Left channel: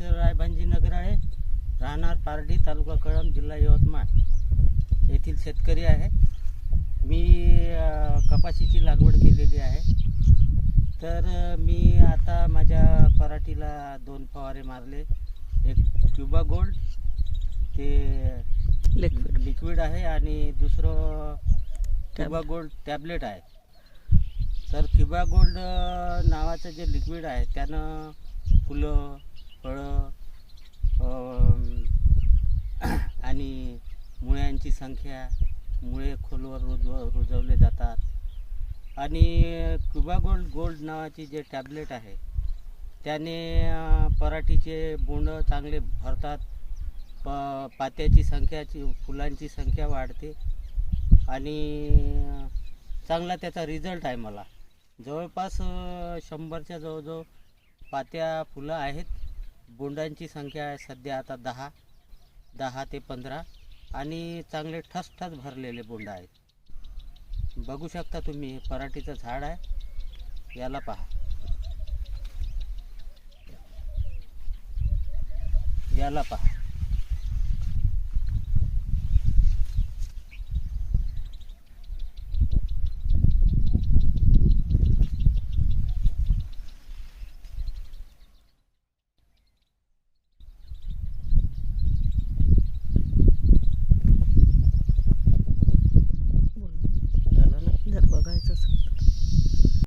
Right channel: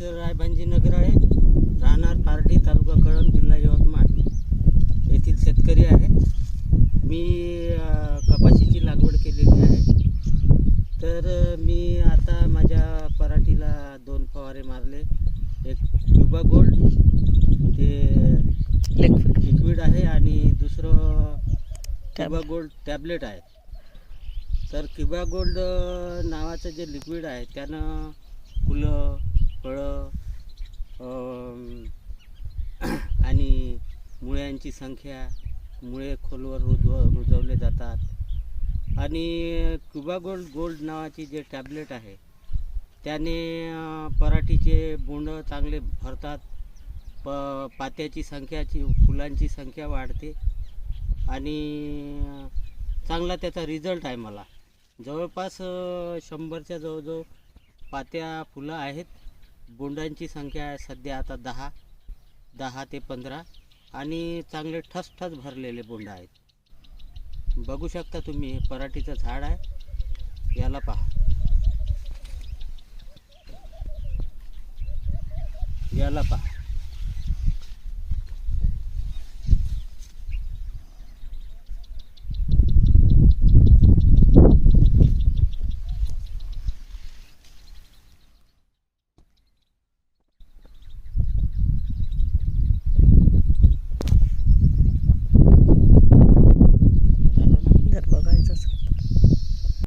रायभांजी नगराळे, राहणार पारडी, तालुका कळंब, जिल्हा यवतमाळ येथील शेतकरी आहे. मी कपाशीची लागवड केलेली आहे. तर मी आता माझ्या पराठीला 2 फवारे मारले. एक क्युबा गोल्ड ते लिक्विड आहे आणि दुसरं क्युबा गोल्ड टॅबलेट आहे. तर क्युबा गोल्ड नावाचं जे लिक्विड आहे त्यानं फुलं, फळं आणि मुळ्यांची संख्या, मुळे खोलवर रुजवले जातात. आणि क्युबा गोल्ड नावाची जे टॅबलेट आहे त्याने पराठीचे बोंड चांगले भरतात. पात्याची संख्याची, फुलांची संख्या वाढते आणि चांगला त्याचा रिझल्ट आहे. मला जवळपास 100च्या जवळजवळ पात्या फुलं आहेत. बोंडांची संख्या आहे सध्या आता 10 ते 15 आणि चांगले ठसठस भरलेले बोंड आहेत. बघू शकता तुम्ही, हे पराठीचं झाड आहे. याला पहा, याला पहा.